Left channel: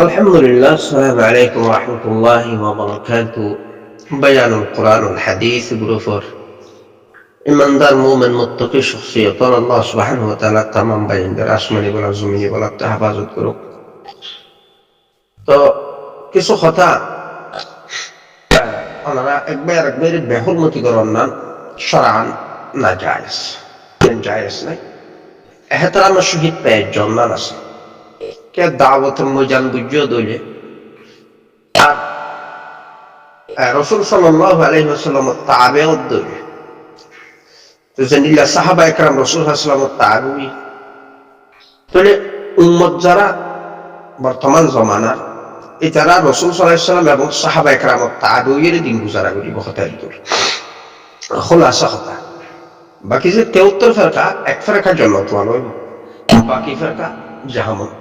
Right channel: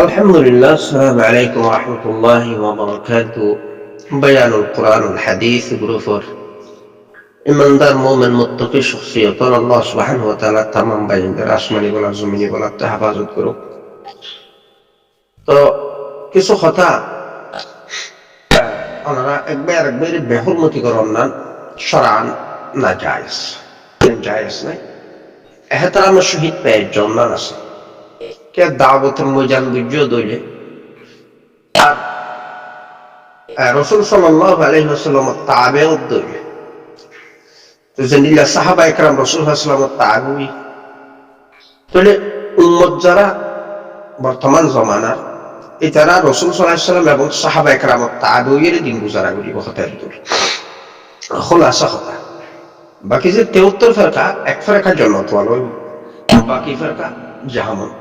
আলহামদুলিল্লাহ, আসসালামু আলাইকুম ওয়া রাহমাতুল্লাহি ওয়া বারাকাতুহু। বায়ানুল কোরআনুল হাদিস গ্রুপর ইমানদার মুমিন মুত্তাকি শখসিয়তর আল্লাহ সুবহানাহু ওয়া তাআলা তামাম বাইনদের আসমানি বলা জমিনি বলা হেফাজত করুক। তো কিছু কথা ওনারা একবার বেহুরমতি করার না শরআন না জায়েজ জায়েজ নাই। এহতারামের সহিত পেয়ে জন্নান আছে কে দাওয়াতের ময়দান বুঝিয়ে দইলে আর রাসূল সাল্লাল্লাহু আলাইহি ওয়াসাল্লামের তাবেঈত দইলে তো জানিলা সাহাবা একরাম রাসূল সাল্লাল্লাহু আলাইহি ওয়াসাল্লামের তাবেঈ তাহলে উম্মত যারা বর্তমান জমানার এটারা রাসূল সাল্লাল্লাহু আলাইহি ওয়াসাল্লাম এবং সাহাবা একরামের তাবেঈর দিন গুজারা করিব হতে দূর খোলাসা কথা। বাকি যে 73 ফেরকা এক ফেরকা জান্নাত ওয়ালা হইব, বাকি ফেরকা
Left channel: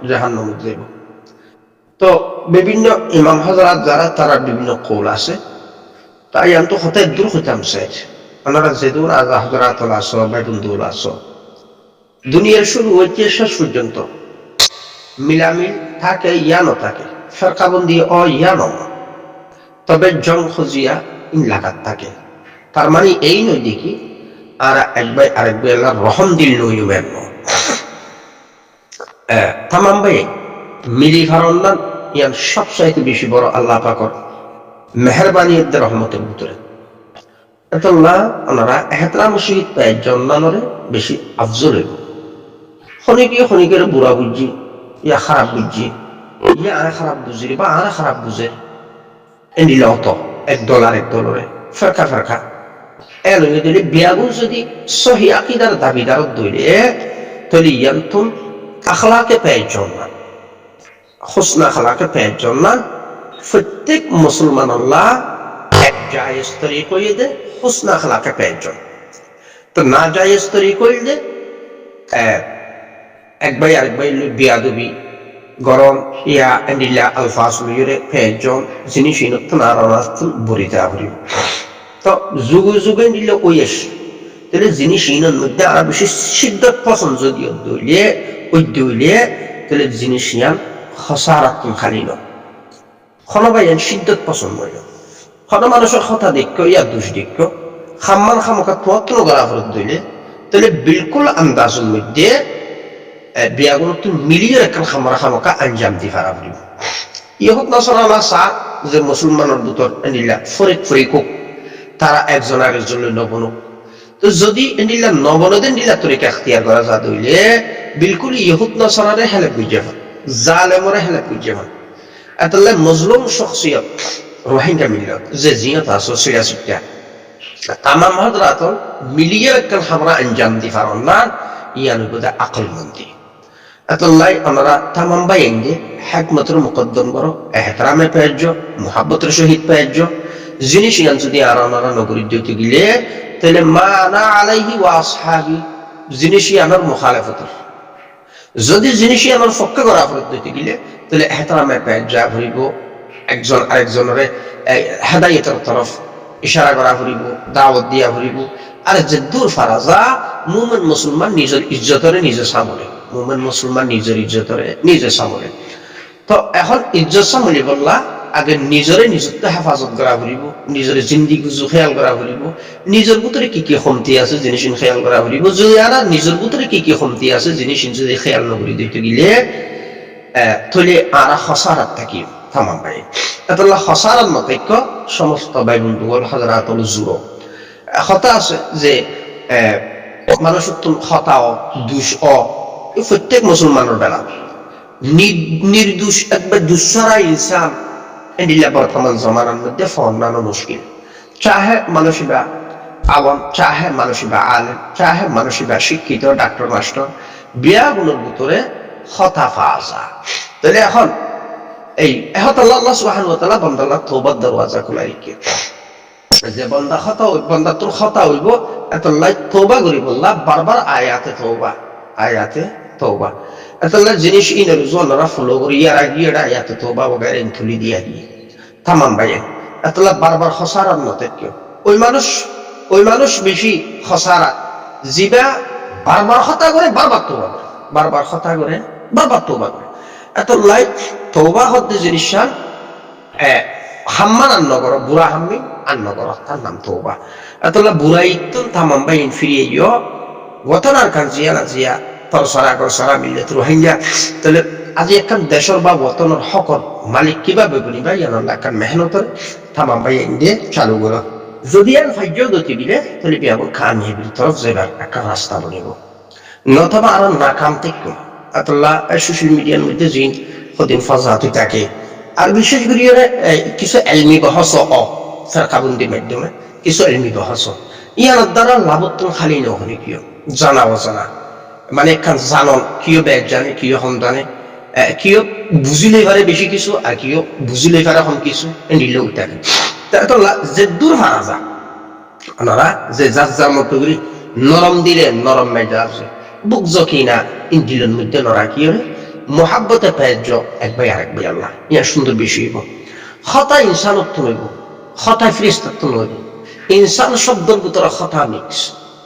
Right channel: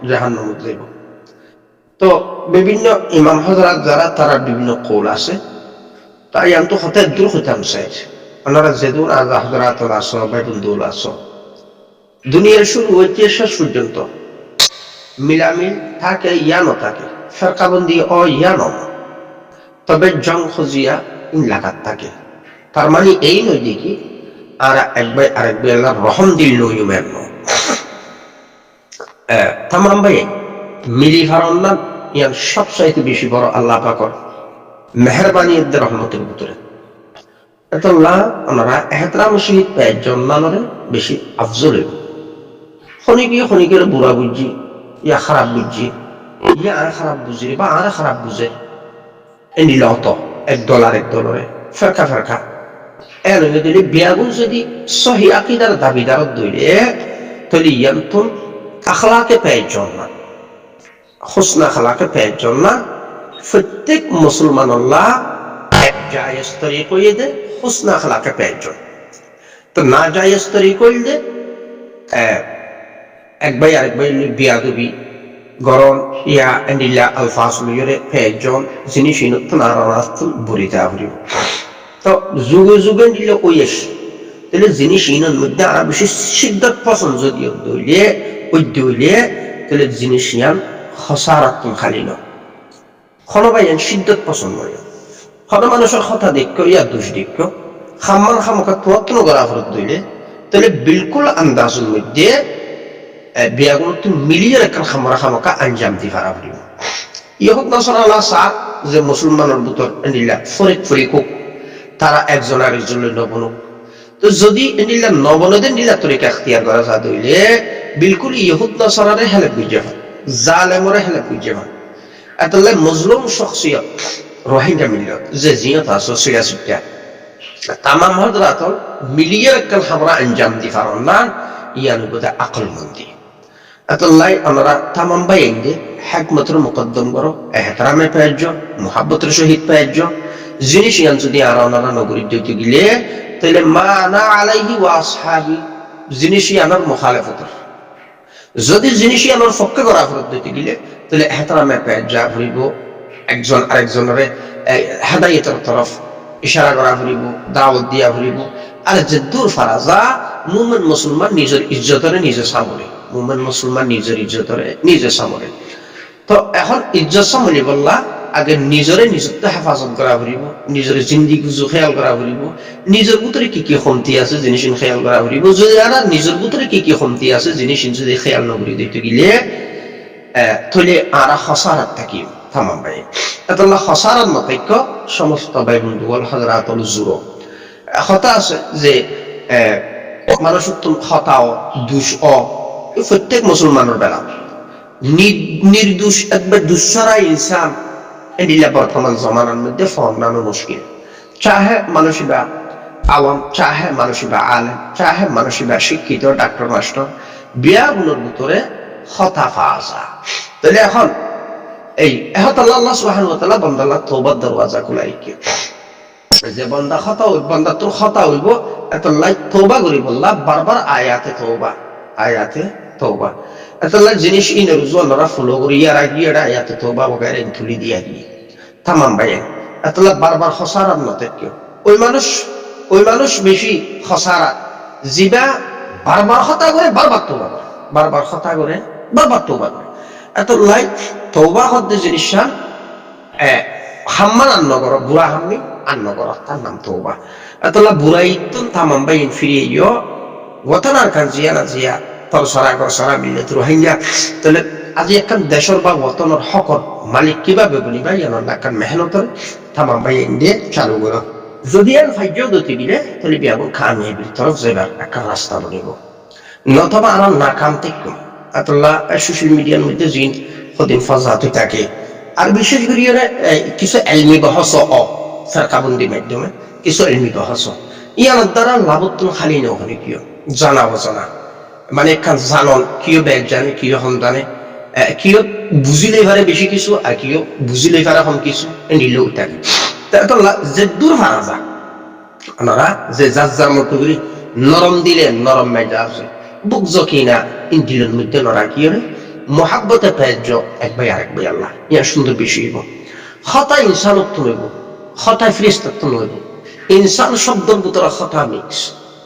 জাহান্নামে যাইব। তো বিভিন্ন ইমাম হযরত যারা তারা বিভিন্ন কৌল আছে তাই আমি হতে দূর হইতাম চাই ওনারা যেদূর আজ হযরত আছো বাইবুল আছো দুনিয়ার শুরু হইতে শেষ পর্যন্ত মিলামিল থাকে ইয়ানো থাকে ফেরকাবন্দি ইয়ানো, তবে জং খজিয়া ইনলাকাত থাকে। তার মানে এই নয় দেখি আর আরেক ভাই আল্লাহর রহম দিল নইমেন তামাম ভাই মিলি ফারন্নান ইয়ান সবচাইতে বেশি বড় আল্লাহ পাকর মেহরবানি রহমতের ভিতরে আল্লাহ ওনারা এহতরাম শহীদ পায় জন্মানরে বেশি আফজল হইব। খনিকের বুড়া বুঝছি ইয়া খারাপ বুঝছি ইয়া আর খারাপ বুঝি বা আর খারাপ বুঝে এনিল অত এক দলরে ফেরকা ফেরকা এন দিলে বিয়াগুন যদি সহি আকিদার দাবিদারত দইলে তাহলে ইয়ান্তুন আখলাকে পেয়ে জন্মান হুসনা আখলাকে পেয়ে জন্মান প্রত্যেক মুসলমান আল্লাহ এক জায়েজ তরিকা দে হুসনা আখলাকে পেয়ে জন। তো না জায়েজ তরিকা দে এক ভাই আরেক ভাই বিয়াদবি গরম ইয়া এন্ডিল্লা আলফাজ লইরে পেয়ে জন জিনিস ইনতুন আর অনাস্তুন বরিতা হরিব। তো যুগে দিল ওই এসে তাহলে জিনিস ইনের মধ্যে আরো বেশি সিদ্ধত পছন্দ যদিও দইলে তাহলে জিনিস ইয়ান হসারাতুন খালি নয় খনবাইয়ান সিদ্ধত পছন্দ হইল খন মানুষের কথা দেখো ইয়া দুষ দেখো খাম্মান খামকা তোয়াক্কিন করা ফরত দইলে তাহলে বিলকুল আন্দাজের মধ্যে বিয়াগুলো তুমি মিলিয়ে রাখান খামকা আঞ্জাম দি ফারা ফুরিব। ইহত নাসরালা সা যে মুসলমানের ভিতর এন্ডিল্লা ফরিক তারা একজন আরেকজন নবনুক। তো যদি এন্ডিল্লা নবনদেন দিল্লা তরিকা এখতিয়ার করা যা দইলে বিলকুল ইহুদ নাসারারে হেলেপ বুঝে ভান জালেমরে হেলেপ বুঝে ভান এতলে মজলুম শখসিয়ত রোহিঙ্গা মিল্লত যে জিয়ত আছে সিরাসিটা তামাম হযরত মিলিয়ে রাখান আমরা আঞ্জাম দি ফারন না ইয়ানি বুঝে আকল মন্দি এতলাই আমরা তামাম বাইন্দে হিকমতের মুকদ্দম করো এহতরামে পেয়েছ মুহাব্বতের সহিত পেয়েছ জিনিস ইয়ান যদি আর ওনারা নগরী দিতে গেলে তাহলে মা না আলাইহি ওয়া আসহাবি জিনিস ইয়ানোর মুখালেফতের যদি জিনিস ইয়ানোর পক্ষে করা ফরত দিতে গেলে তাহলে এহতরামে পেয়ে যা ভরিব একজন আরেকজনের হেদায়েতের তরফ ইশারা করা ভরিব দাওয়াত দিয়া ভরিব। আর যে দূর ফারাজা মুমিন মুসলমান নিজের ইজ্জতরে নিজে সামলে মুমিন মুসলমান নিজের ইজ্জতরে নিজে সামলে। তো এখন ইজ্জত সামলি বললা আগে নিজরে নিজত্ব হেফাজত করা ফুরিব নিজের জিন্দিগি খেয়াল করা ফুরিব নিজের ভিতরে কি কি কমতি আছে জিনিস খেয়াল করা ফুরিব। যদি আর নিজের ভিতরে কি কি কমতি আছে জিনিস যদি খেয়াল নকরি দিতে গেলে তাহলে আর হসারাত থাকি থামাম ভাই এতলা হসারাত নতৈক্য সমস্ত ভাই বন্ধু হল হযরতুল জুরো কথা আছে যে মানুষ হতাও দুষ প্রত্যেক মুসলমানের বেলা নির্দোষ একবার দুঃসারা ইনসান এন্ডিল্লা বর্তমান জমানার মধ্যে ফর্নানো মুশকিল। চাহে মানুষিবা আওয়াম চাহে মানুষিবা আলেম চাহে মানুষিবা শিক্ষিত ডাক্তার মাস্টার বিয়াগুলোর ভিতরে হতা ফাজা তাহলে এখন এই আল্লাহ সুবহানাহু ওয়া তাআলা বান্দাল্লাহ তওবার দরওয়াজা খুলাইকে যে বান্দা খতা হইব বান্দা তোর খতা হইব এতলাই তওবা করি বললা বারবার আয়াতে তওবা এতলা জিনিস ইনের জনরা ফলো করি ইয়ার আগিয়ে আয়াতে তওবা বগারে তুলি দিয়া গিয়ে তামাম ভাই এতলা বারবার খসারাত নতে কেউ ওই মানুষ বেশি খসারাত জিবা বারবার খতা করে বারবার তওবা করে বারবার খতা করে বারবার তওবা করে এত লাই তওবা হদ্দে জিনিসান হাম্মান আন্ন করো বুড়া হাম্মি আন্ন করো তার নাম তওবা এতলা বুড়াইতুন তামাম বাইন ফিরিয়ে ইয় ওতনার কান জিয়া না জিয়া তোর সারা কর সারা মিললে তো রোহিঙ্গা তাহলে আজি একখান দেশর বা ওতনের হকর মালিক কিভাবে বনিবা ইয়ানোর একখান মেহনতর তামাম বাইন দিয়ে চালু করো যদি আন ফাইজও দতি দিলে তাহলে বিয়াবন কামিয়াবির তরফ যাইবার একটা রাস্তা বনিব নতবা আর নাকাম থেকে আতল্লাহ সোশ্যাল মিডিয়ার মধ্যে জিন সদিন ফজাত থাকে আর বিশেষ করে কিছু এলমি বহস ফেরকাবন্দির মাধ্যমে কিছু এলমি বহস ইয়ানোর দ্বারা লাভত্তন খালি নহনি কিয় জানা অজানা মানে একখান জানন কিয় বেগ জানে কিয় হন জানে কিয় বুঝিলে পারে বেশি কিছু আর কিয় বুঝিলে পারে হম কিছু নিলেও থাকে যে দূর হারা যা ওনারা যে যার যার মতো করি নরম দিলে নরম মেজাজ বুক জকিনা ইন্দিলের মধ্যে নরা কি রে মোহাব্বতে পেজ এক ভাই আরেক ভাই আল্লাহ ইয়া সুন্দর বেশি হইব খতা ইনসানত্ব নইব খতায় ফিরিস্তাত্ব নইব ইনসান শব্দের ভিতরে খতা মিক্স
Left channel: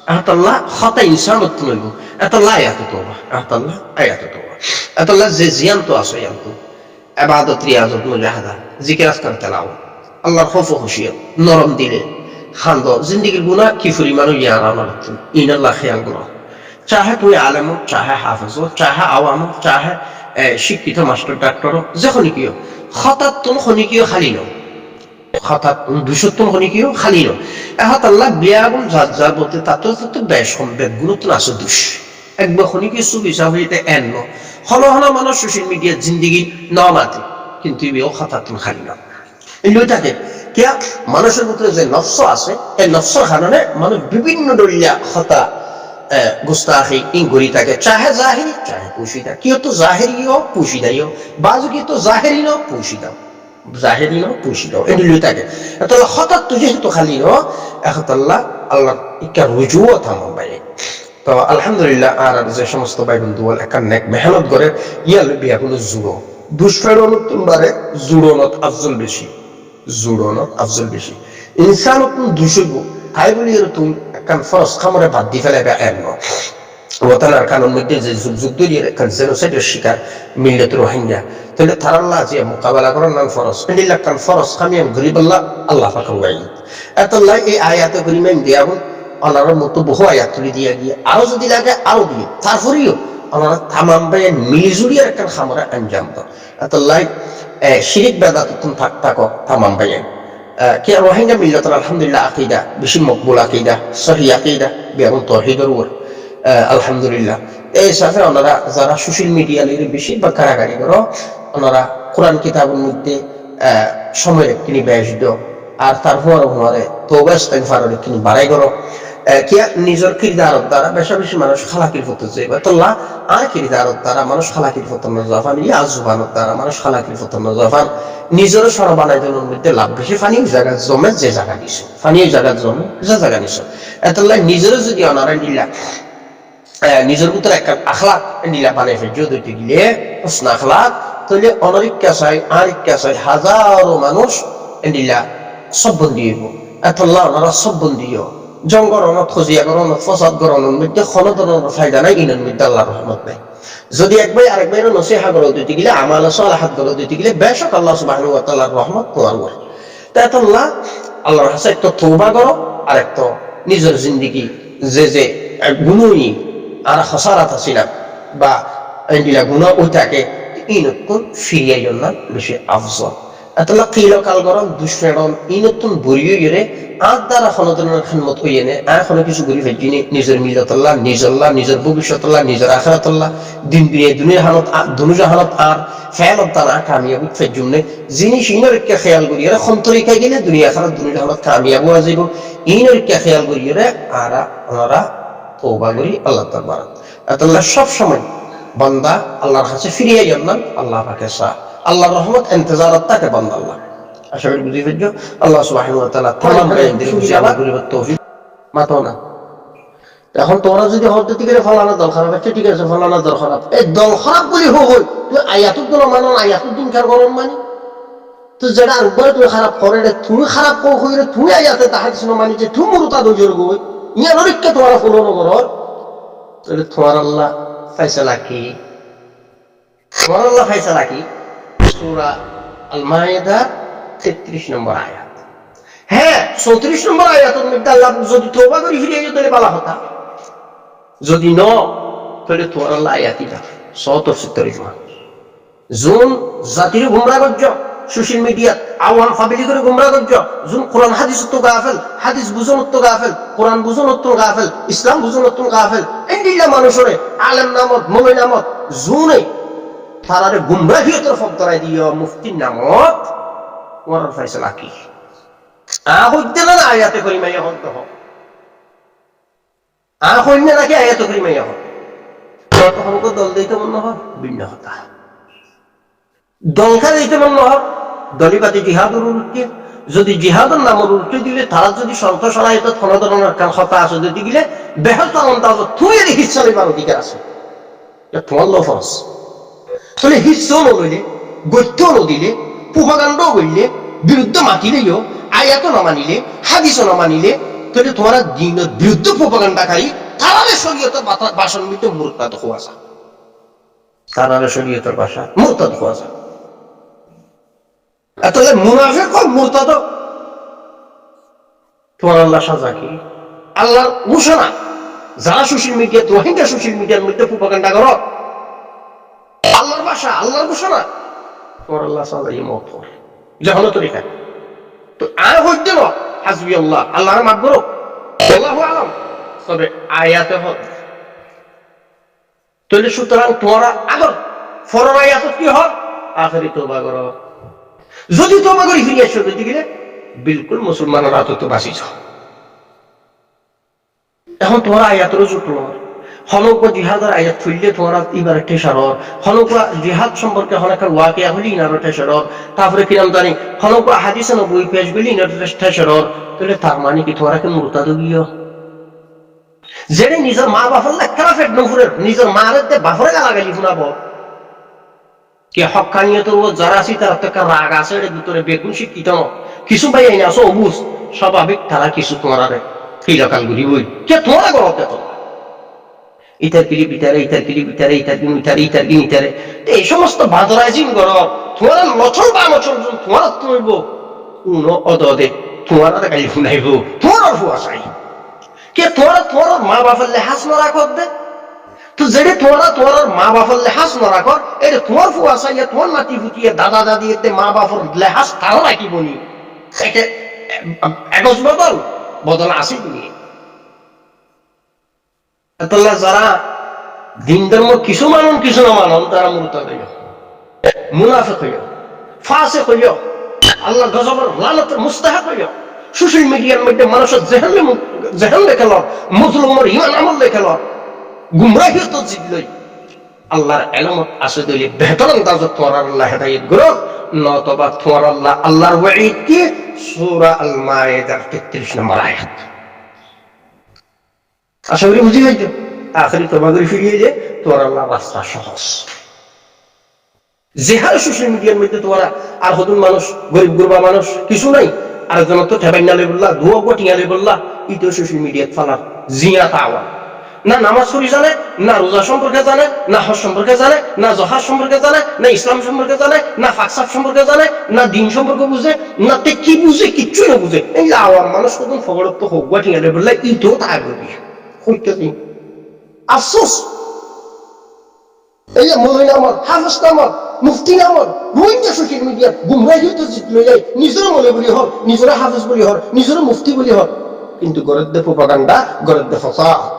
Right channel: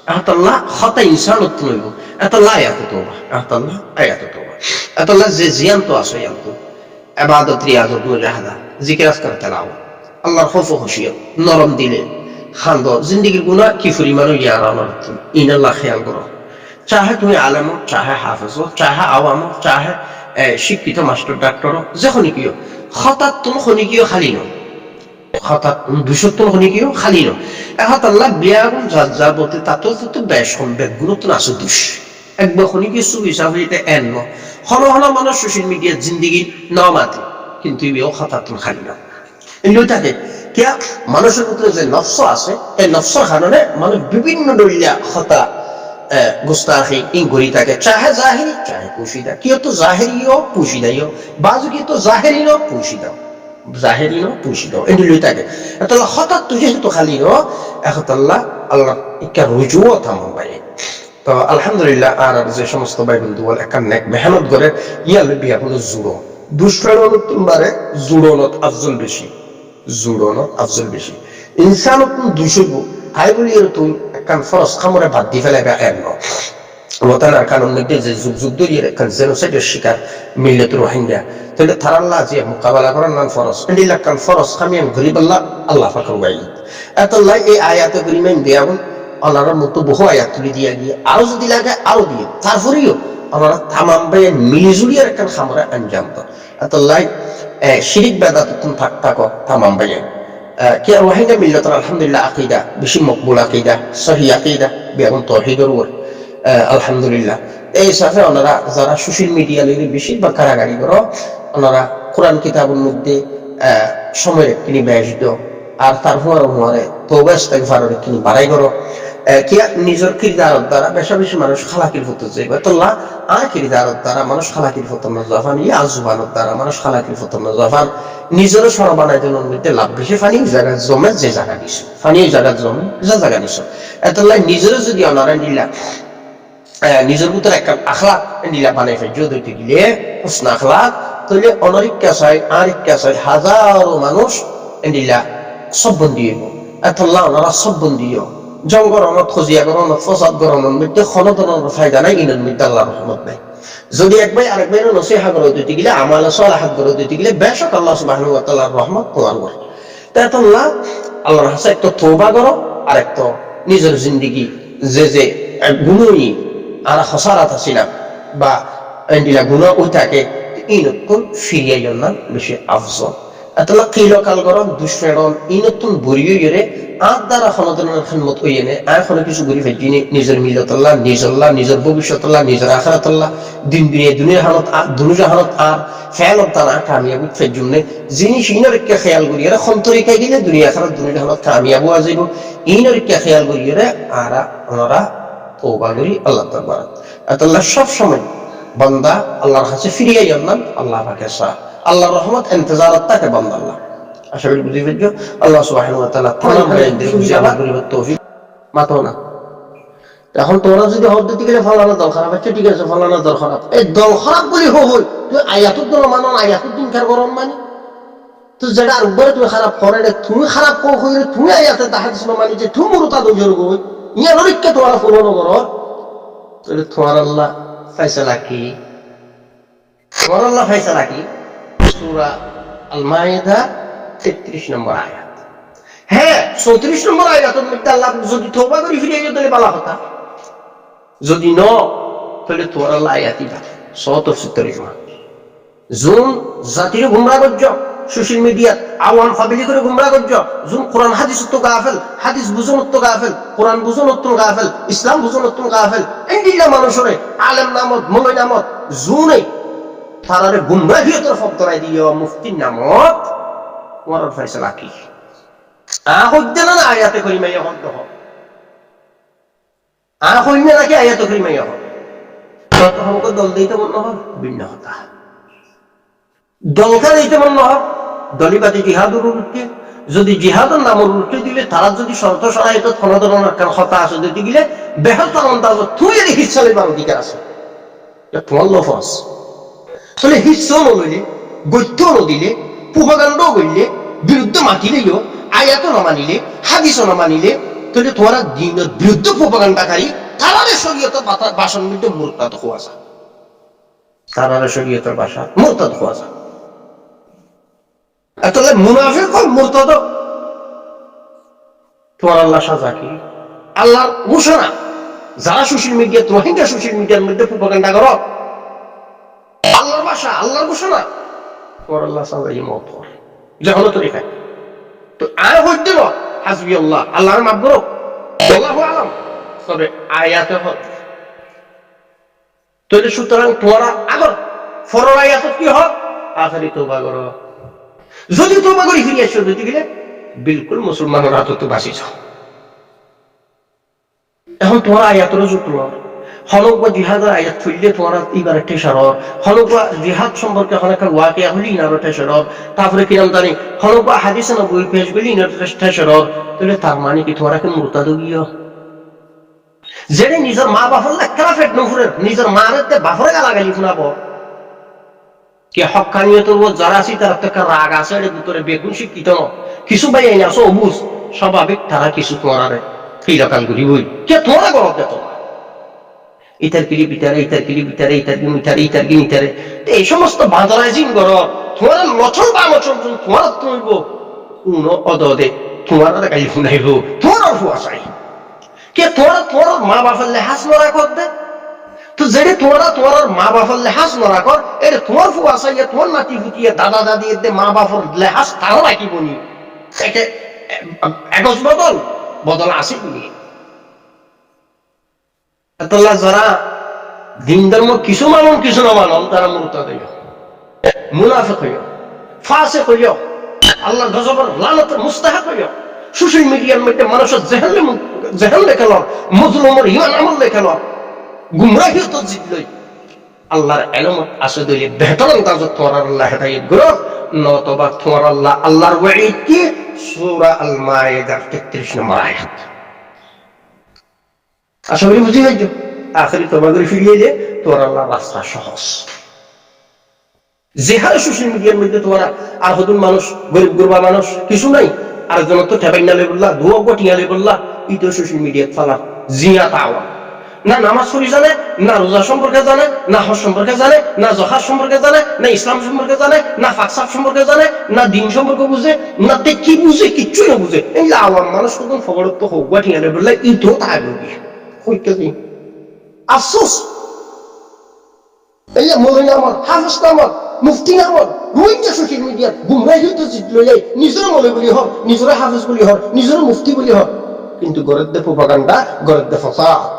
আহতাল্লাহ খতা ইনসানত্ব নইব এতাল্লাহ আয়াত তোবা আহতাল্লাহ আয়াত তোবা এতাল্লাহ যে জিয়ান্ত আছে ইয়ান্ত ইবাদত রিয়াজত মুজাহাদা জিকির আজকার তেলাও আল্লাহর খৌফ খুশিয়ত নরম দিলে খান্দ জিন্দিগির গুনাহ কি পরিমাণ ইয়ারা নরতুন ইনাল্লাহ খেয়াল করো চাহে তুমি আলেম চাহে হাফেজ চাহে আওয়াম চাহে শিক্ষিত মাস্টার ডাক্তার যখন কিয় হঠাৎ তুমি শনি কিয় খালি ন হঠাৎ দুশোত্তম শনি কিয় খালি ন এহত আল্লাহ বিয়াগুন যার যার বলতে তাতো তাতো বেশ সম্বেক গুণত্ব আছে দুষ একবার শনি কিয় চুপ হিসাব হইতে এন ন হন হন মানুষ সোশ্যাল মিডিয়ার জিন্দিগির ন মাতে কিন্তু বিয়েও হঠাৎ তুমি খালি ন এগুলো থাকে কিয়া মানুষের ভিতরে যে নফস আছে এই নফসর কারণে মানুষ বিভিন্ন দলিয়া হতা গুস্তাখি ইন গরি থাকে চাহে জাহিরি চাহে পুশিদা কিয় তো জাহিরিও পুশিদাইও বাজু কি তো জাহিরি ন পুশিদাও জাহিরি ন পুশিদাও এগুলো থাকে তাহলে হঠাৎ তো যেহেতু খালি ন একতাল্লাহ আল্লাহ ইকা রুজুও থামাম ভাই তো আলহামদুলিল্লাহ আর যে সমস্ত ভাই বন্ধু বল একটা নেক মেহনত করে ইয়াল বিয়া কোনো জুড়ো দুষ্ফেরনত তোমারে জুড়নত আফজল বেশি জুড়নত আফজল বেশি ইনসানত দুইশো হাই বলি এর তুমি একখান ফরস খামরে বাদ দি ফেলাইবে এন ওতানার কানুন মধ্যে যে যুগ যুগ ধরিয়ে একখান জেনোসাইডের শিকার মিল্লত রোহিঙ্গা তাহলে থারাল্লাহ যে মোকাবেলা করার নান ফরস এন্ডিল্লাহ কান ফরস খামিয়াম গরিবাল্লাহ আল্লাহ পাকের ওয়াই এতাল্লাহ এই আয়াতে গরিমাইন দিয়াগুন ওনার মতো বহু আয়াত তুলি দিয়া গিয়ে আরো যদি লাগে আরো দিয়ে তারপরেও ওনারা তামাম ভাইয়ের মিলিজুড়িয়ার একখান খামরে আঞ্জাম তো এতাল্লাহ শিরিক বেদাত তুমি থাকো তামাম ভাইয়ের কি রোহিঙ্গা মিল্লতর আলহামদুলিল্লাহ আকিদা বেশি মকবুল আকিদা সহি আকিদা বেগুন তৌহিদের উপর আলহামদুলিল্লাহ এই সাথে ওনারা যারা সোশ্যাল মিডিয়া লইলে বেশি বা কারাগারি করো ওনারা কোরআন কিতাবের মধ্যে সময়ের একটি ব্যাস দিও আর তার হুয়ারে তওবা ইস্তেগফারের একটি বাড়াই করো কি নিজের কিরদারের দ্বারা বেশি বেশি মানুষ খালাকির হতে যাইবে তোল্লা আর কিরদারের দ্বারা মানুষ খালাকির হতে না জাফান ইয়া জুবানের দ্বারা মানুষ খালাকির হতে না জাফান নিজেরও সর বানাই জনের মধ্যে লাভ বেশি ফানি জায়গা জমে যে জায়গা দিছো ফানি জায়গা জমে যে জায়গা নিছো এতলাই নিজেরও যদি অনারাই দিলা নিজের ভিতরে একটা আখলাক দিলা বানাই ফেলছো দুইটি গিলে হুসনা আখলাক তাহলে অনরিক্কা চাই আরিক্কা চাই হাজারো মানুষ দিলা সব বন্দি হইব এতল্লা ওনারা সব বন্দি জঙ্গরণত খজিয়া গরণত ফসাদ গরণের মধ্যে খনতনের ফায়দা নাই ইনের মধ্যে আল্লাহর রহমত নাই যদি এক ভাই আরেক ভাইয়ের নসিহা করে দিতে গেলে আমাল সালাহাত করে দিতে গেলে বেশক আল্লাহ সুবহানাহু ওয়া তাআলার রহমত তোমার উপর তাইতাল্লাহ আল্লাহর কাছে একটা তওবা করো আর একটা নিজের জিন্দেগি যে গুনাহই আর খসারাত ছিলাম বা এন্ডিলা গুনাহ ওটাকে ইনতুন ফিরিয়া জন্য বেশি আফজল আল্লাহ কিলো কাল গরম দুশমেরন ইনতুন বরিয়ে গেরে আর দ্বারা খনদনের খানমত হইয়ে নে আর কোনো কিছু ঘুরি ফেলছি নিজের মিল্লাতুল্লাহ নিজল্লাহ নিজের ভবিষ্যতুল্লাহ নিজের আখিরাতুল্লাহ দিন দুনিয়া হালত দুনিয়া হালত আর ফেলত দানা কামিয়াব ফেজুম নে যিনি ইনরকে খেয়াল করিয়ে খন্তরিকা গেলে দুনিয়া আখিরাত দুনিয়া হালত কামিয়াব হওয়া যাইব ইনরকে খেয়াল করিয়ে আর ওনারা তওবা করি আল্লাহ দরবারে আল্লাহ সব সময় বান্দা আল্লাহর কাছে ফিরিয়ে যান আল্লাহ পাকে সা আল্লাহর রহমত ইন্তজারত থাকে বান্দা আল্লাহ আশা করি বুঝি ফেলছো আল্লাহ সুবহানাহু ওয়া তাআলা তামাম বান্দাদের বুঝি আমল করিবার তৌফিক মাতো না এখন তোমরা যদি হদ দিতে গেলে ফলানা দল খারাপ আছে ঠিক আছে ফলানা দল খারাপ এই দল খারাপ বলি হই তুই আয়াতুত না মানো আয়াতুত দিন কার করন মানে তো যেটা আরবারে তুই খারাপ করে তুই খারাপ কো কইরে তুই আয়াতে তাহাদিস না মানি যে তুই মুরতা দজর গই ইয়া নরিককে তোরা ফলো ন করর তাহলে তোমার আল্লাহ ফয়সালা কি তোমার আল্লাহ ফাইসালা কি? সূরা আল মায়েদা 33 নম্বর আয়াত। হ্যাঁ, 34 নম্বর আয়াতের মধ্যে আল্লাহ যদি তওবা করে ফিরে যেত তাহলে ভালো কথা, যদি ন তাহলে তোমার আল্লাহ আয়াতই বা সত তরজমা। জুন জাতিরে গুমরা করছ সোশ্যাল মিডিয়াত, আওয়াম ফাবিলি করে গুমরা করছ, জুন কোরআন হাদিস তো গাফেল, হাদিস বুঝন তো গাফেল, কোরআন বুঝন তো গাফেল, ইসলাম বুঝন তো গাফেল, এন্ডিল্লা মানুষরে আলেম নামত মলই নামত জুনে তারারে গুমরাহিয়তের ফতরাই দিও মুফতির নামত তোমার ফয়সালা কি? হইতে না আয়াতে করিমাইয়া হদ হোক, হইনে নাকি আয়াতে করিমাইয়া হোক, তখন দল দিতে মনে হয় ভিন্ন কথা, দলকা দিতে মনে হয় দলিপাতি জিহাদুর উল্টে, যদি জিহাদের নামর উল্টে দিলে তারা যদি শর্ত সরাইত কোন ধরনের কথা আছে যদি গিলে বেহতার অন্দাজ তুই এর হিস্সা লইবার অধিকার আছে, তোমার লো ফরজ। তাহলে হিস্সাও নলইলে, গত্যও নদিলে, প্রোপাগান্ডাও করলে, বিরুদ্ধে মাতিলেও, আয়াতও না মানিলে, হাদিসও না মানিলে, তাহলে তোমার দিনের বিরুদ্ধে প্রোপাগান্ডাকারী তারারে শরীয়তের ভাষণ মধ্যে মুরতাদ হওয়া যায়, তারারে শরীয়তের ভাষা মুরতাদ হওয়া যায়। তাহলে মুনাফিক হয় মুরতাদ, তোমার আল্লাহ সাজা কি? আল্লাহর ঘোষণা, যারা সোশ্যাল মিডিয়া রোহিঙ্গা সোশ্যাল মিডিয়ার মধ্যে প্রোপাগান্ডা করো, আল্লাহর ভাষা আল্লাহর ঘোষণা, তোমার আল্লাহ সাজাই মত যখন তরিকা তো আয় হইতে ন হাসবি আল্লাহ, আল্লাহর মাফ করো, আল্লাহু আলাম, তবে আয়াতে হল। তাহলে সুতরাং তোমরা আগর ফরর আয়াত কি হয়? আখেরি তওবা করো, যদি তওবা করি ফিরে আসো যদি গেলে বিলকুল মুসলমানের হাতে তো বাঁচিছ। এখন তোমার আয়াতের জুটল হনক বা জিহাদের আয়াত ফুললে তোমার এবার একটা সারর হনক বা জিহাদ সম্পর্কে হনকান ওয়াকিয়া হলি ইনার একটা সারর, তারপরে কিরাম জানি হনক বা হাদিসে নবী পেশ গলি ইনার একটা সারর, তাহলে তার মানে কি তোমার কি মুরতাদ গিয়ে যেটা নিজের মা বাপর লেখা ফেট নফুরের নিজের মারে বাপরে গালাগালি শুনাব কে হকানিয়তের যারা আছি তার একটা রাগ আছে এর ভিতরে বেগুন শিক্ষিত ন কিছু ভাই আইনে আসো অবুজ স্বাভাবিক তারা কিছু তোমার ফিলকাল ঘুরিবই কে তোমার গরব দেত ইতার কিলি বিতারে ইতার কিলি বিতারে ইতার গিন ইতারে ইতার গিন ইতারে এই সমস্ত বাঁধরাইজিং গরব তোমার লচল বা মচল তোমার তুইব উনো অদদে তোমার গালি শুনাইব তোমার ফুয়া চাই কে তোমার তোমার মা বাপের লেহাজ নরা কর দে তো যেটা তোমার মা বাপের লেহাজ নরা কর এটা তোমার ফুয়া চাই তোমার নাতি ফুটিয়ে দাদা দাদি এর মা বাপের লেহাজ তারও রাখিব নি একজ বদল বদল আছে কি যারা দিন ধর্ম কিছু মানুন কিছু না মানন তারা মুরতাদ হইও মুনাফিক হইও ফাসিক হইও আল্লাহ গজবের লানতের মুস্তাহিক হইও সোশ্যাল মিডিয়ার মধ্যে মানুষের জেহেন লেখেল মজলুমের ইমান আমল লেখেল গুমরাহিয়ত জিতলই আল্লাহর এলমত আছে দইলে বেহতর আন্দাজত তোমার আল্লাহ হেদায়েত করো নতবা তোমার আল্লাহ আল্লাহর ওয়াঈদ কি সূরা আল মায়েদার 33 নম্বর আয়াত। আশা করি বুঝি গেছো আখেরি তওবা করে ফিরিয়ে এলে তোমার আল্লাহর রাস্তা সহজ। যেহারে সোশ্যাল মিডিয়ার মধ্যে তোমার আর হতুন মানুষ গরিব গুরবা মানুষ কিছু নাই আরেকজন তো ঠেবাইনা লই বললা দুয়া গটিয়া লই বললা ইতো সোশ্যাল মিডিয়াত ফালা জিয়া তাওয়া না নামাজ পড়ি জানে না রোজা সম্পর্কে জানে না হজ সম্পর্কে জানে না জহাজ সম্পর্কে জানে না ইসলাম সম্পর্কে জানে না ফাকসাব সম্পর্কে জানে না দিন সম্পর্কে বুঝে না তে কি বুঝে কিচ্ছু না বুঝে এই আওয়াম মানুষ কখন ফগড়ত হোক গটিয়া লই বললা ইতো তাই বলি কইতে দিন আফসোস এই যে মৌলানা আমার হাফেজ আমার মুফতি নামত রোহিঙ্গা সোশ্যাল মিডিয়াত গুমরাহিয়ত জিতলৈ যায় নিজৰে মৌলবী বুলি হল নিজৰে হাফেজ বুলি হল নিজৰে মুফতি বুলি হল কিন্তু গরের দে প্রোপাগান্ডা গরের দে ফাসাদ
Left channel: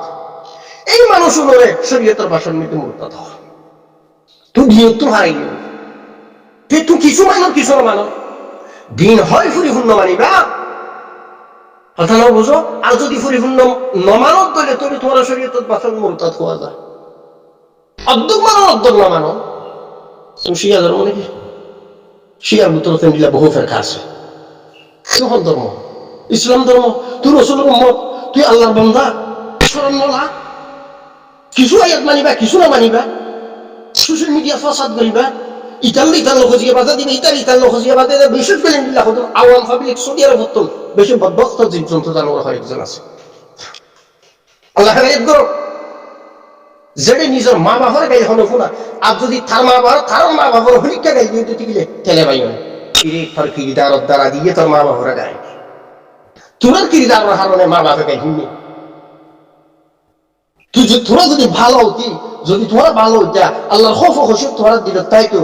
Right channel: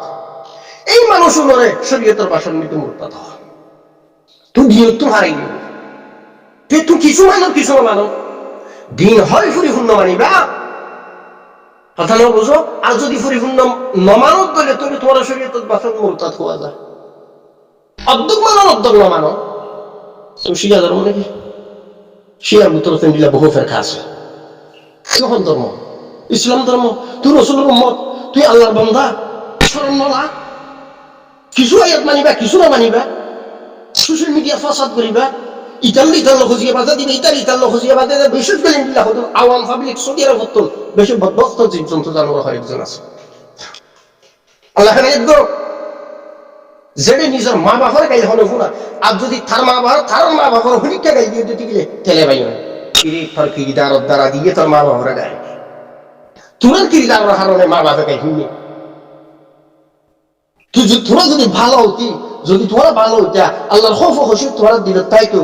এই মানুষগুলোরে শরীয়তের ভাষণ মধ্যে মুরতাদ হয় তুই দিন তো হারাই গেল তুই কিছু মানো কিছু না মানো দিন হয় পরিপূর্ণ মানিবা কথা না বুঝো আর যদি পরিপূর্ণ নমানত দলে তুমি তোমার শরীয়তের ভাষণ মুরতাদ হওয়া যায় অর্ধেক মানো অর্ধেক না মানো তুমি শিয়া ধর্ম নাকি শিয়ার ভিতরে দিলা বহু ফেরকা আছে কোন ধর্ম ইসলাম ধর্ম তুই রসুলের উম্মত তুই আল্লাহর বান্দা শরণ নলা কিছু আয়াত মানিবা কিছু না মানিবা সোশ্যাল মিডিয়া ফাসাদ করিবা ইতাল খজিয়া বাজা দিবে ইতাল খজিয়া বাজা দিবে বিশেষ করে দিলা হতো আওয়াম পাবলিক সৌদি আরব হতো বেশি বদবক্ত জীবজন্তু জানোয়ার হয় একজন আছে আল্লাহ হেদায়েত করো যেটা নিজের মা বাবার গাই হলো শুনা আর যদি তার মা বাবার হলিকা গাই দিয়ে দিতে গেলে তেলে ভাই তোর কিরিদার দ্বারা দিয়ে তোর মা বাবার গাই তোর কিরিদারের হারণে মা বাপে গাই শুনি তোরা যদি ভালো হতি যদি তোরা ভালো হইতা আল্লাহর খৌফ খুশি তোরা দিল তাই তো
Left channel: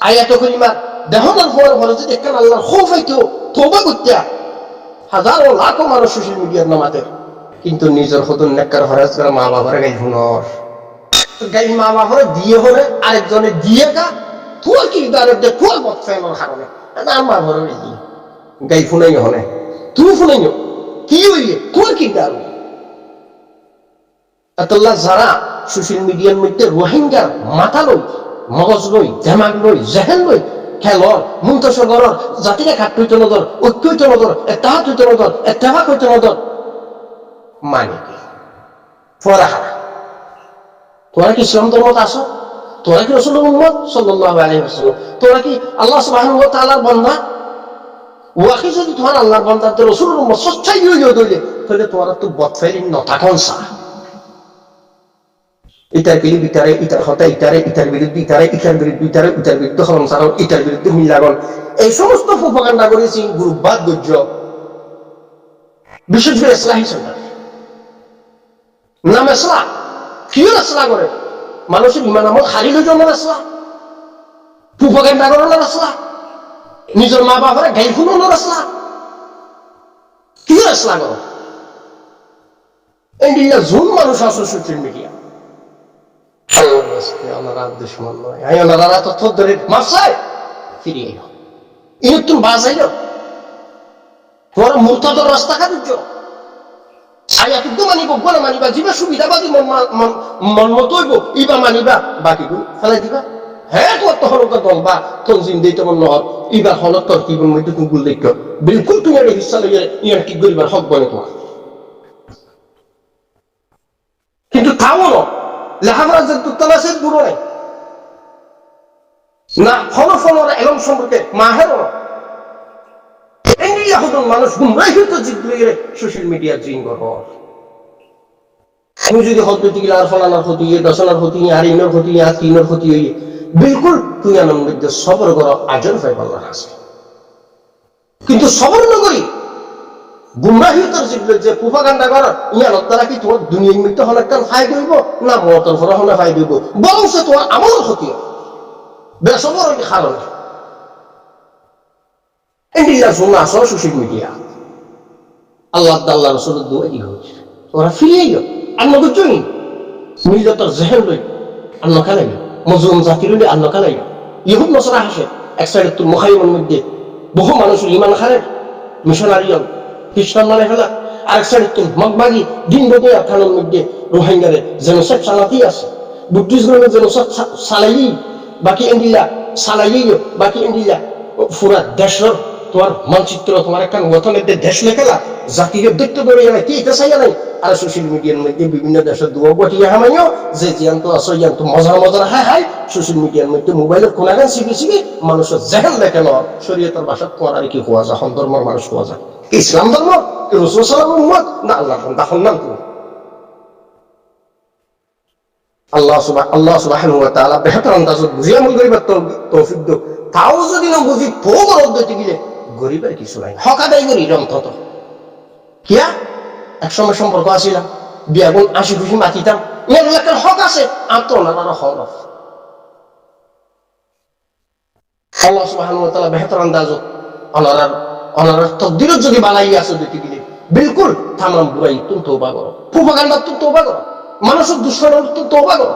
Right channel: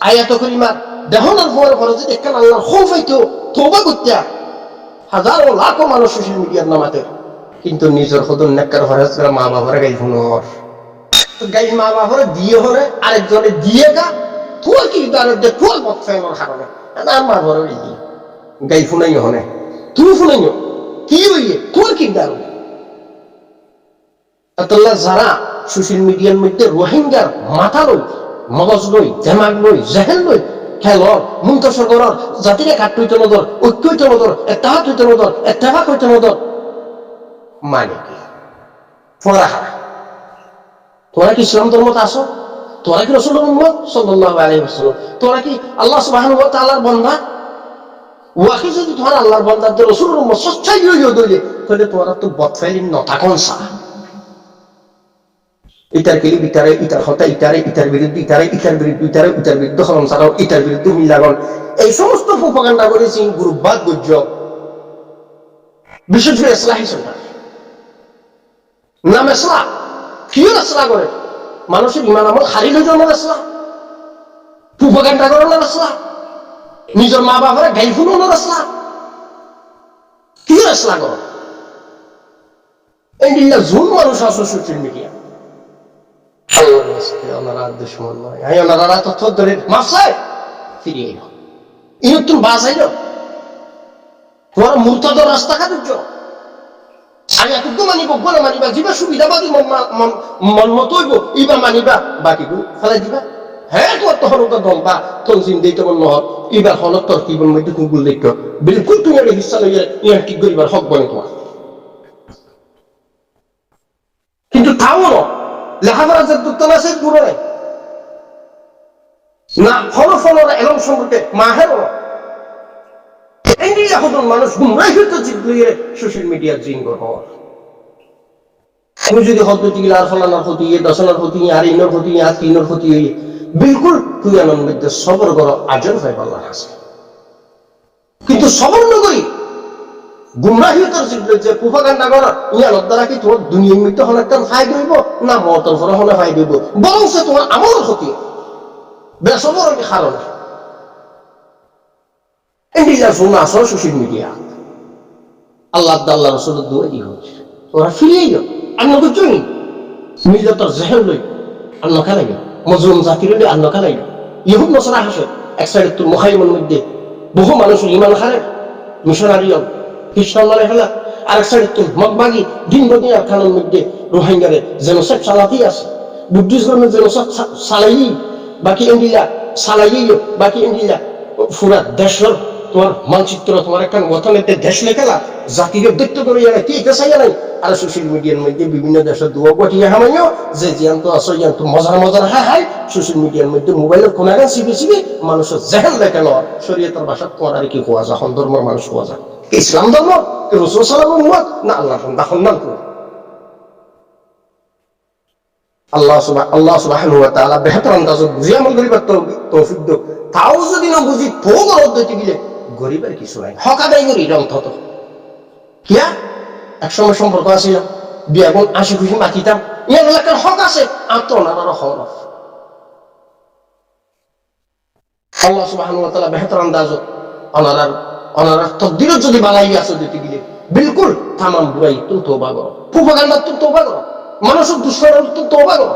আয়াত করিমা দেহনার পর পরে যদি একখান আল্লাহর খৌফ হইতো তওবা করতা হাজারো লাখো মানুষ সোশ্যাল মিডিয়ার নামাতে কিন্তু নিজের হদুন নেককার ফরাজ করে মা বাবার গাই শুনর তো গাই মা বাবার দিয়ে হলে আরেকজনে দিয়ে গা তোর কি দাঁড়ে তোর বদ ফেলার কারণে না মা বাবার গাই শুনাই হনে তুই শুনাইও কি হইয়ে তোর কি দাঁড়ো আল্লাহ যারা সোশ্যাল মিডিয়ার মধ্যে রোহিঙ্গার মাথা লই মগজ লই দেমাগ লই জেহেন লই খেলর মুন্তসর করর জাতিরে খাট হইতে নদর ঐক্য হইতে নদর এত্তাহাত হইতে নদর এত্তেফাক হইতে নদর মানে কি তোরা কি ইসলাম ধর্মত আসো তোরা কি রাসূলুল্লাহ উম্মত সাল্লাল্লাহু আলাইহি ওয়াসাল্লাম তোরা কি আল্লাহ সুবহানাহু ওয়া তাআলার বান্দা ওয়াকি যদি তোরা আল্লাহর বান্দাদের রাসূলুর উম্মত সচ্চাই হইও দইলে তাহলে তোরা তো বদফাইলিন নতা কোনসা ইতার কিলি বিতারে ইতার হতা ইতার বিরুদ্ধে ইতার বিরুদ্ধে হরম সারাও ইতার বিরুদ্ধে মিল্লাগন এই সমস্ত প্রোপাগান্ডা করেছি গ্রুপবাদ গুজ্জ বিশেষ করে ইসলাহি সেন্টার নাম এসলা কিয় এসলা করে মানুষের ইমান আমল হারিল জন্য এসলা প্রোপাগান্ডা করানোর এসলা নিজের মা বাবারা গাই ফুলানোর এসলা কিয় এসলা করো এই জুন মানুষ আসো সোশ্যাল মিডিয়া ওনারা দুশ্মন নয় ওনারা তথ্য ধরে মাফসায় ফিরিয়ে এলো ইনতুন বাজাইল তোমার মুরতাদর রাস্তা কাটুজ আয়াতুক মানিব গোনা মানিবা যিবা সুবিধাবাদী মন মত হইব ইবা মানিবা বাকি গুণ ফেলাই দিবা হ্যাঁ তোমার তখন দল বা তনজিম দিই তোমার নহর ইবার হলত তোর কি মধ্যে তুমি গুল দেখো বিলকুল তুমি এটা হিস্সা লইয়া ইয়ান কি করিবার হক বনে তোমার কিন্তু তাও ন লেখাপড়া যে দুতলা সে বুড়ো নাই না ফলফলর এলম সম্পর্কে মাহের মানুষ গুমরাই হইতো জিগলিয়ে সোশ্যাল মিডিয়ার জিন ঘর তুমি যদি হদ্দতি গিলা আর ফলানোর ক্ষতি দশনার ক্ষতি আর ইনর ক্ষতি আর তিনর ক্ষতি হইয়ে বিলকুল তুই আনন্দ মধ্যে সবর করো আজর পাই পাল্লা আছে কিন্তু সবর নগরী গুমরাহিয়তর জিগলে যে প্রোপাগান্ডা করা ইয়ানোর দ্বারা কি তোমার দুনিয়ার মধ্যে অনেকটার ফায়দা হইব না মতর ফর হনে ফায়দা হইব বরং সে তোমার আমলের ক্ষতি বেসবর কারণ এন্ডিলা শোনা আসো সোশ্যাল মিডিয়া আল্লাহ আল্লাহ রসুলের দুয়াই হচ্ছে তোরা ফিরিয়ে গেল আন্ন বুঝছই মিল্লতর জেহের লই আন্ন খেলাইল মজলুম জাতির লই আন্ন খেলাইল ইহুদ নসরা হাসে এক সাইডে তোর মুখাইমের মধ্যে বহু মানুষের ইমান খারে মিশনারি খ্রিস্টান মানে ফেলা আরেক সাইডে তোর মগবাগি দিন বদে থানার মধ্যে রোহিঙ্গারে যেন সব চালাতেই আছে বুদ্ধিজমের যেন সব চালাই বাকি এন্ডিলা চালাইও বাকি এন্ডিলা পুরা দেশের তোমার মানচিত্র তোমার একটা গঠনের দেশ লেখেলা জাতীয় দৈত্য করে জানা কি এটা চাইয়া নাই আর সোশ্যাল মিডিয়ার মধ্যে বিভিন্ন দেশের দুয়া গঠিয়া হামাইও যে জিয়ান্ত আসো জিয়ান্ত মজার হাই সোশ্যাল মিডিয়ার মধ্যে মোবাইলের কোনাগান শিখে মানুষের জেহেন লেখে লওয়ার শরীয়তের ভাষাত তোমার আর কি হওয়া যায় ধর্মের মানুষ হওয়া যায় ইসলাম ধর্ম রাসূল সাল্লাল্লাহু আলাইহি ওয়াসাল্লাম না আল্লাহ দাখন নাম তো আল্লাহ সুবহানাহু ওয়া তাআলা বেহতর আন্দাজে বুঝি আমল করিবার তৌফিক দাও তাও যদি না বুঝি তো গরদ দিতে গেলে গরিবের কিছু নাই হক আদায় করি অন্তত কিয়া একসময় সম্পর্ক আছিল বিয়া গুণ 80 খুশি মাতিতাম ইয়ার এলাকার হক আছে আত্মনার হক আল্লাহ সুবহানাহু ওয়া তাআলা বেহতর আন্দাজে অনার তকদিরত যদি বালাই আছে দিতে গেলে বিলকুল তামাম বুড়াই তুমি তওবা করো প্রোপাগান্ডা তুমি তওবা করো মানুষের দুশ্মনের তুমি তওবা করো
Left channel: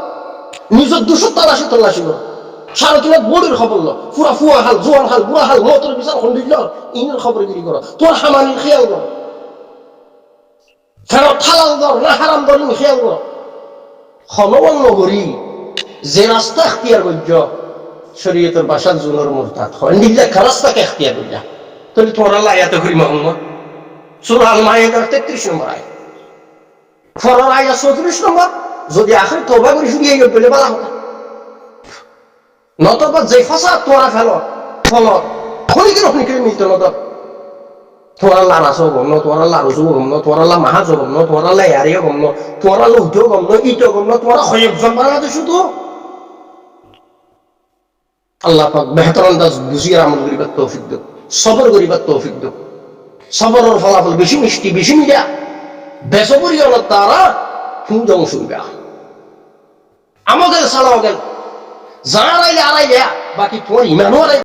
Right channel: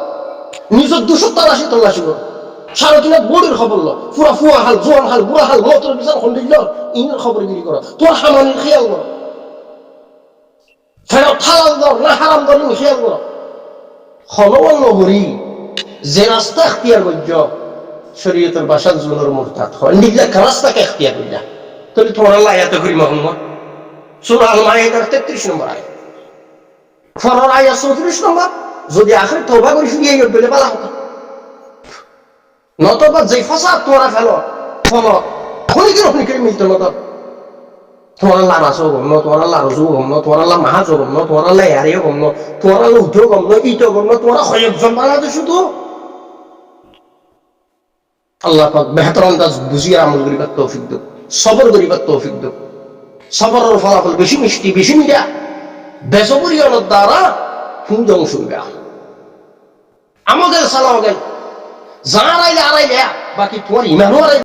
নিজের দুশো তল্লাশি করো সারা কিনা বড়ির খবর লো পুরা ফুয়া হাল জোয়ান হাল বুড়া হাল মতর বিচার খন্ডিল ইনের খবরগিরি করো তোর হামানির খেয়াল করো ফেরত হালাল দর না হারাম দর খেয়াল করো হনবল নগরী যে রাস্তা এখতিয়ার করছ শরীয়তের ভাষার জুনের মুরতাদ হয় নিগলা রাস্তাকে এখতিয়ার করলা তাহলে তোমার আল্লাহ আয়াতে করি মোহাম্মদ সূরা আল মাইদার 33 নম্বর আয়াত ফরর আয়াত 34 নম্বর যদি আখের তওবা করি ফিরিয়ে গেল বলে বলা হতো নতবা যে ফাসাদ তোরা ফেলো ফল খনিকের মিলতে নত তোমার আল্লাহ রাসও গম ন, তোমার আল্লাহ রসু গম ন, তোমার আল্লাহ মাহাজও গম ন, তোমার আল্লাহ ইয়ারিও গম ন, তোমার আল্লাহ উঠেও গম ন, ইটও গম ন, তোমার কয়েকজন বাংলাদেশ শুধু আল্লাহ পাক বেহতর আন্দাজ বুঝিয়ে আমল করিবার তৌফিক দিক, সবর করিবার তৌফিক দিক। সবরের ফলাফল বেশি মিষ্টি, বেশি মিঠা। বেসবরিয়নের দ্বারা তুমি যেমন শুনবে আমাদের সালাও গেল যার আইলে আড়াইলে, বাকি তোমার ইমানও আড়াই।